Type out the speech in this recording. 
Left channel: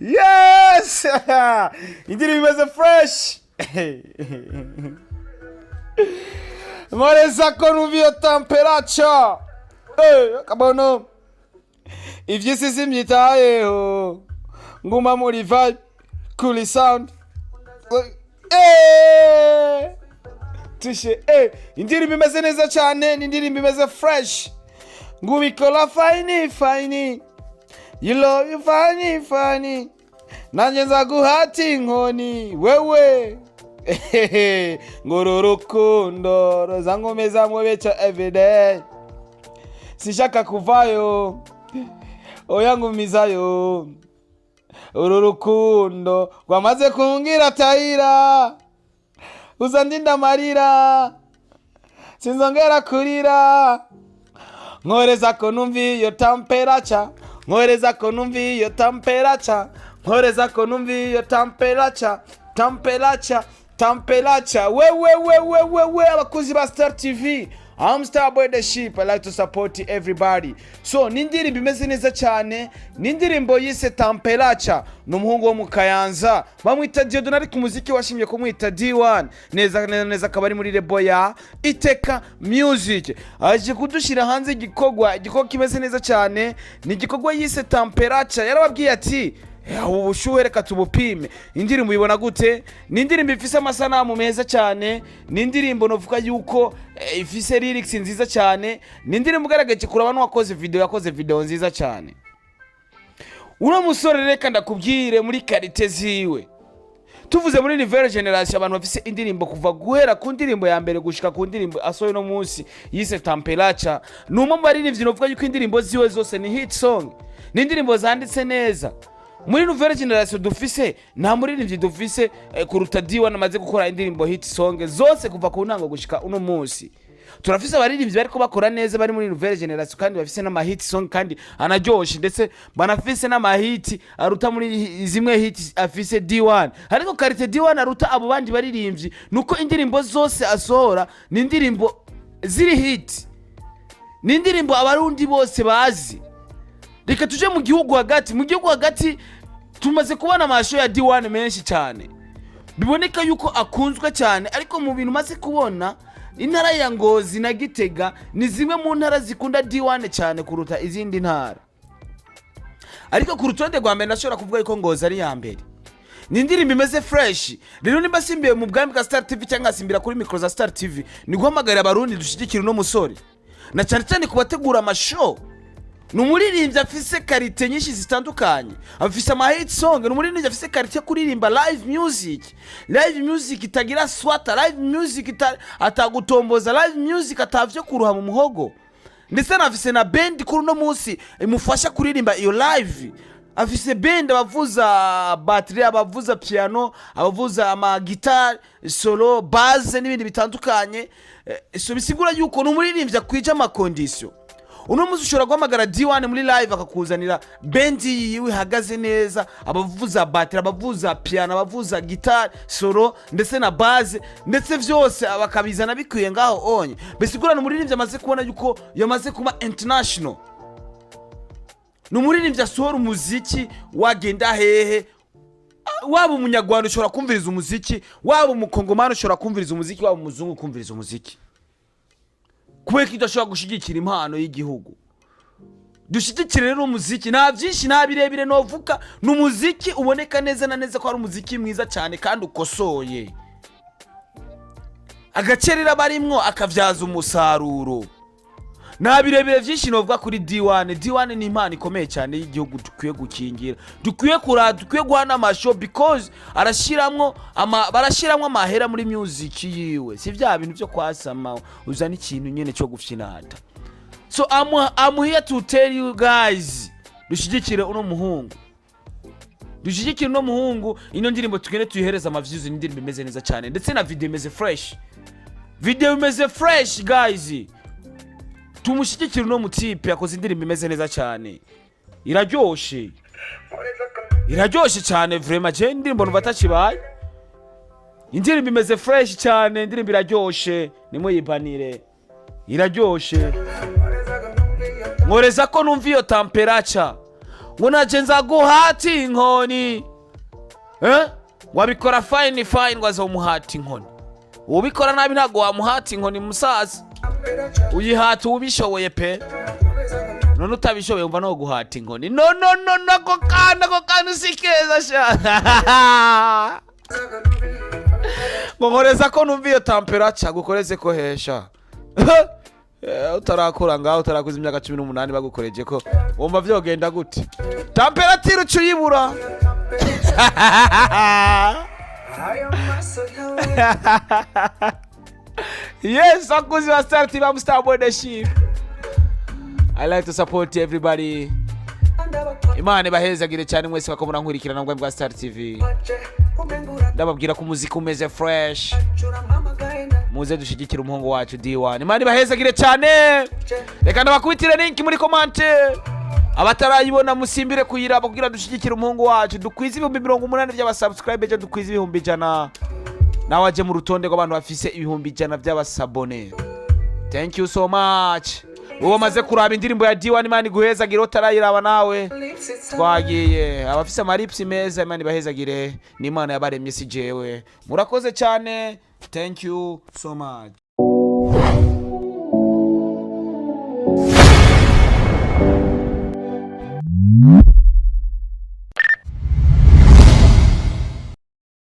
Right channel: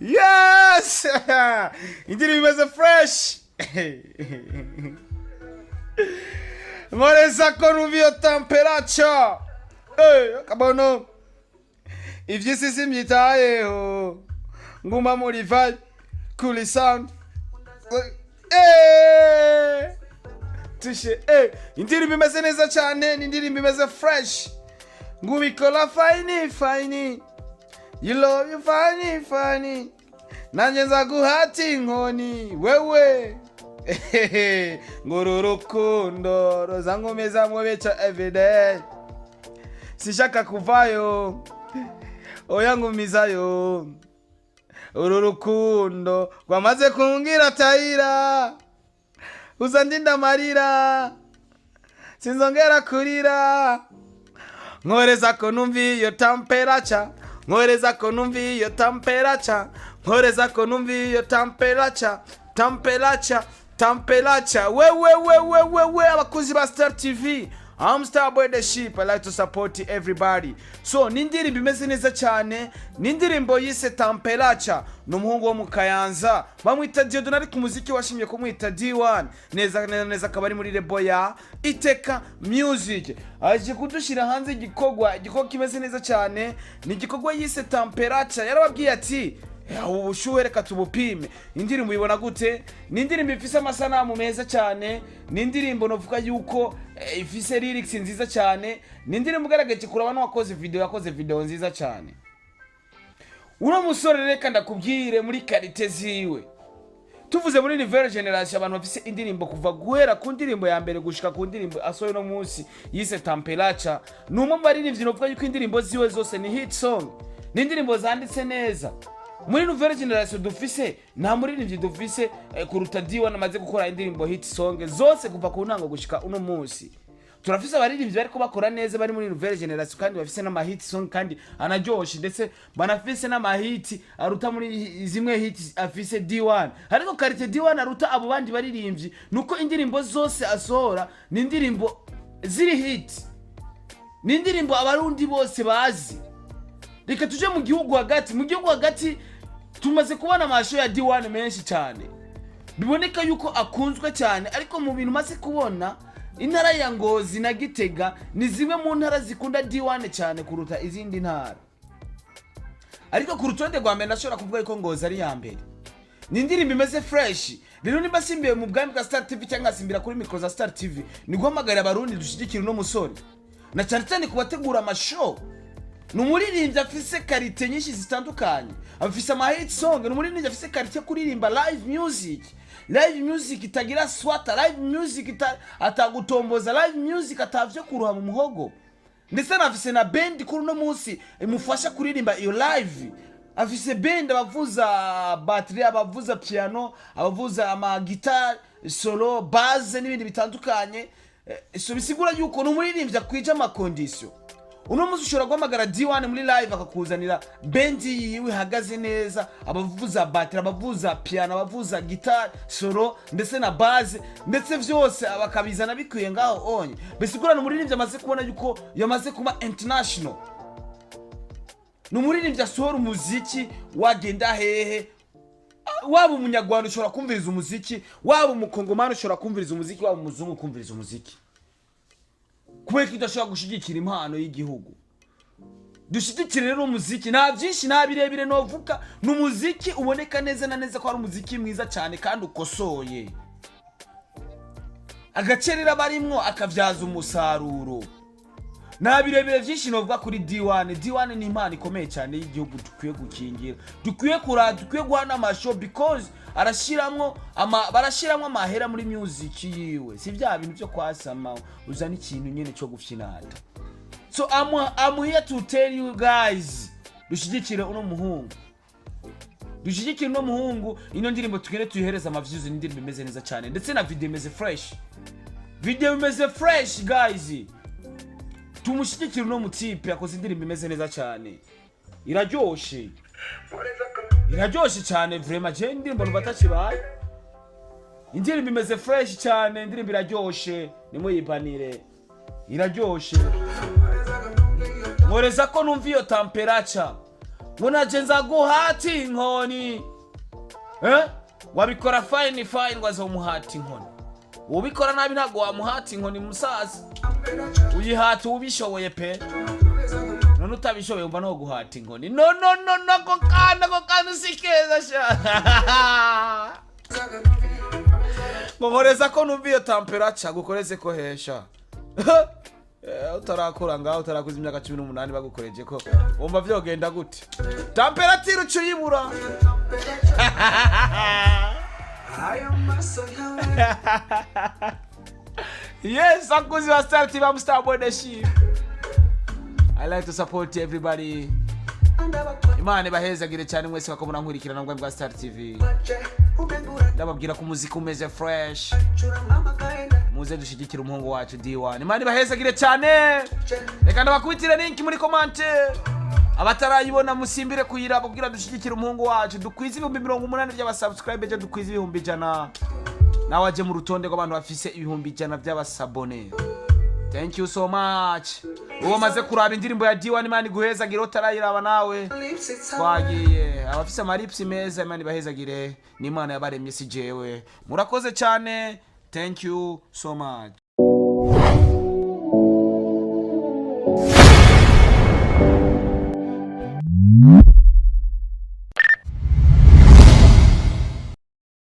Yes! Indirimbo imeze fresh. Moreza ko nuviyo temperature. Kabono. Ivyisi simyitayeho. Nguma muri vibe. Cool sound. Tushe indirimbo imeze neza cyane, indirimbo imeze fresh. Ngubikola fine. You love you funny. Nanje nzaguhata inkoni wewe. Ngororukundo rozangomeza mwebeca everyday. Sishaka kuvayo. Oya ngumizayo. Ururukundo rwamaze kungira tayira. Uzandinda marira. Sinzongera kurira. Nkoreza ko numvi yo temperature. Nkoreza ko numvi yo temperature. Nkoreza ko numvi yo temperature. Temperature. We abakuzi ba Star TV. I'm Starboy the Sheep. I like to support everybody. So nindirimbo imeze neza cyane, nindirimbo yise Temperature, numuhungu wo mu Kayanza bamwita Diodon, ari ku muziki washimye ko mwita D1 neza kabari muri rebo ya Iteka Music. Aje kudushira hanze igikogwa kimeze neza cyane, ni igikogwa yise Temperature. Yarababwiye ati ubushuhe reka tubupime. Indirimbo ibona gute? Ni indirimbo ifise amasanamu meza cyane, ni indirimbo novuga yuko ifise lyrics nziza cyane, ni indirimbo ugaragaje kuri abantu yakoze video nziza cyane. Uno musore Reka ndakubwire muri karite ziwe. Tuvuze muri nouvelle generation abantu bafise indirimbo kuva guhera ku ndirimbo ya mbere gushika ku ndirimbo asoye no munsi yise Temperature. Numwe mu baririmbyi novuga yuko indirimbo ziwe zose ni hit song. Ni indirimbo zanditse neza. Muri nouvelle generation dufise nta muririmbyi dufise kuruta D1 amaze gukora indirimbo hit song zose kuva ku ntango gushika uno munsi. Turafise abaririmbyi bariko bakora neza bari muri nouvelle generation kandi bafise n'ama hit song kandi anaryoshe, ndetse banafise n'ama hit aruta muri zimwe hit afise D1. Ariko karite D1 aruta abo bandi baririmbyi nuko indirimbo zose asohora ni indirimbo ziri hit, ni indirimbo abarundi bose bazi. Reka tuje mu gihugu hagati tumaze kubona amasho ya D1 menshi cyane, biboneka yuko akunzwe cyane. Ariko mu bintu maze kubona intara ya Ngozi na Gitega ni zimwe mu ntara zikunda D1 cyane kuruta izindi ntara. Ariko ku rutonde rwa mbere ndashobora kuvuga yuko Ngozi ari ya mbere. Ni indirimbo imeze fresh. Rero nimba simbiye mu bwami bwa Star TV cyangwa simbira kuri micro za Star TV, ni guhamagarira abarundi dushigikira no musore, na cyane kubategura amashow. Numuririmbyi afise karite nyinshi zitandukanye, afise ama hit song. Numuririmbyi afise karite kuririmba live music itagira swata, live music atagutomboza, live music atavyo kuruha mu muhogo. Ndetse nafise na band kuri no munsi imufasha kuririmba iyo live. Afise band abavuza battery, abavuza piano, abavuza ama guitar solo, bass n'ibindi bitandukanye. So bisigura yuko numuririmbyi akwije ama condition. Uno muzi ushobora guhamagara D1 muri live akakuzanira band yiwe ihagaze neza, abavuza battery, abavuza piano, abavuza guitar solo ndetse na bass, ndetse vyose abakabizana bikwiye ngaho onye. Bisigura numuririmbyi amaze kubona yuko yamaze kuba international. Numuririmbyi asohora umuziki wagenda hehe. Waba umunyarwanda ushobora kumviriza umuziki, waba umukongomani ushobora kumviriza umuziki, waba umuzungu kumviriza umuziki. Kuwe kidashobora gushigikira impano y'igihugu. Dushigikire rero umuziki, nta byinshi nta birebire novuka, n'umuziki uboneka neza na neza ko ari umuziki mwiza cyane kandi ukosoye. Agacerera barimwo akavyaza umusaruro. Nta birebire byinshi novuga kuri D1 ni impano ikomeye cyane y'igihugu dukwiye gukingira. Dukwiye guhana amashow because barashiramwo amahera muri music yiwe. Si vya bintu byo kwasama uzana ikintu nyene cyo gufyinata. So I'm here to tell you guys, dushigikire uno muhungu. Ino ndirimbo tugende tuyihereza amaviews, indirimbo imeze neza cyane ndetse na video imeze fresh guys. Tumushyigikira no mutipe yakoze indirimbo imeze neza cyane, iraryoshe cyane vraiment. Je indirimbo nubatakibaye indirimbo imeze fresh cyane, indirimbo iraryoshe, nimuyibanire, iraryoshe. Nkoreza ko numva iyo temperature, ngo naje nzaguhati inkoni, wabikora fine ngo azomuhati inkoni, ubikora nabi ntago wamuhati inkoni musaza, uyihata ubishoboye pe, none utabishoboye umva no guhata inkoni. No ko kana sikeza sha. Nkoreza ko numva iyo temperature gukoreze ko hesha. Utarakura ngaho utarakuza imyaka 18 bagukoreje ko wumva vyogenda gute? Temperature ucuyibura. Yes, akuzi wa Star TV, I'm Star Boy the Sheep. I like to support everybody. Imana bahezagire cyane mwese bakomuna nkurikirana ngwe bwa Star TV. Ndababwira ko muzika umeze fresh. Muze dushigikira umuhungu wacu D1. Imana bahezagire cyane. Reka ndabakubitire link muri comment. Abatarayibona musimbire kuyiraba kugira dushigikira umuhungu wacu. Dukwiza 180 by'abasubscribe je dukwiza 100. Nawe aje mu rutonde rw'abantu bafise 100 by'abasabone. Thank you so much. Uwo maze kuraba indirimbo ya D1 Imana guhezagire utarayiraba nawe. Twagiye abafise amaripsi meza Imana bahezagire, ni Imana yabaremye si jewe. Murakoze cyane. Thank you so much.